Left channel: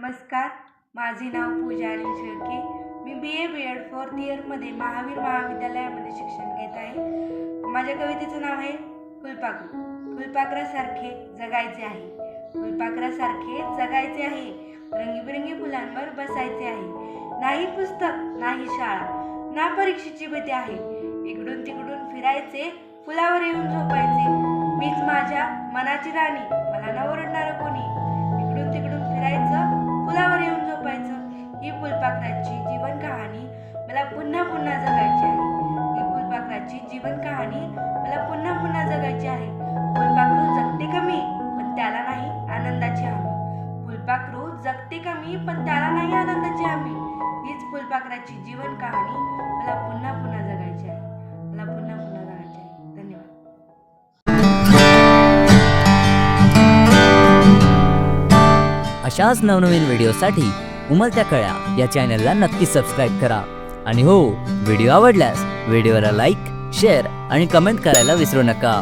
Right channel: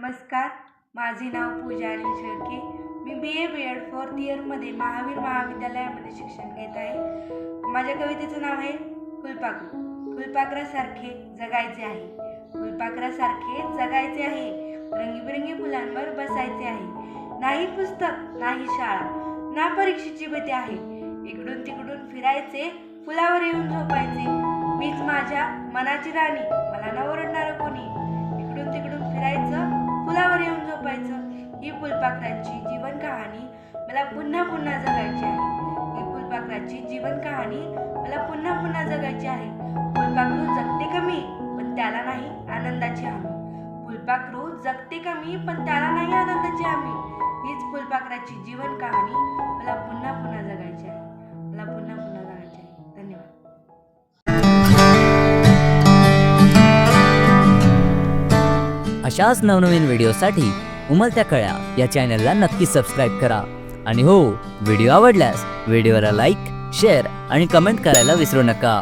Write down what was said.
नमस्कार माझे नाव पूजा शेळके. मी B A B Ed fourth इयरमध्ये महावीर महाविद्यालयामध्ये शिक्षण घेत आहे. माझ्या कवितेचं नाव आहे फुलपाखरू फुलपाखरासारखे जगायचे आहे. फुलपाखरासारखे जगायचे आहे. रंगीबिरंगी फुलांवर बसायचे आहे. नाही पुस्तक नाही शाळा ना परीक्षेची भीती आहे. इकडून तिकडून फिरायचे फुलावर येऊन झोपायचे. मीच माझ्या मनाची राणी मला न ओरडणारं कोणी. इकडून तिकडून फिरायचं पाखराची फुलपाखराची जीवन कहाणी मला पुन्हा पुन्हा जगायची आहे. ही फुलपाखराची जीवन कहाणी मला पुन्हा पुन्हा जगायची आहे. फुलपाखरू जगते कमी पण त्याला नाही आनंदाची हमी. फुलपाखरू जगते कमी पण त्याला नाही आनंदाची हमी. हीच फुलपाखराची जीवन कहाणी मला पुन्हा पुन्हा जगायची आहे. मला पुन्हा पुन्हा जगायची आहे. धन्यवाद. अशाच नवनवीन व्हिडिओसाठी उमलत्या कळ्या या चॅनलला नक्की सबस्क्राईब करा. आणि हो व्हिडिओ आवडल्यास व्हिडिओला लाईक शेअर आणि कमेंट करायला विसरू नका.